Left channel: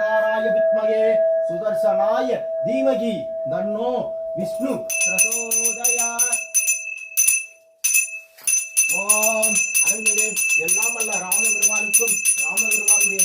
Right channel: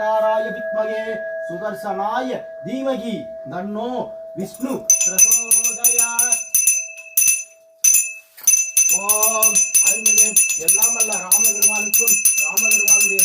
சக்கரதாராய வித்மகே சுதர்சனாய தீமகி தன்னோ விஷ்ணு பிரசோதயாத். ஓம் அருள்மிகு எல்லாம் அல்ல ராமபெருமானுக்கும் ராமபெருமானுடைய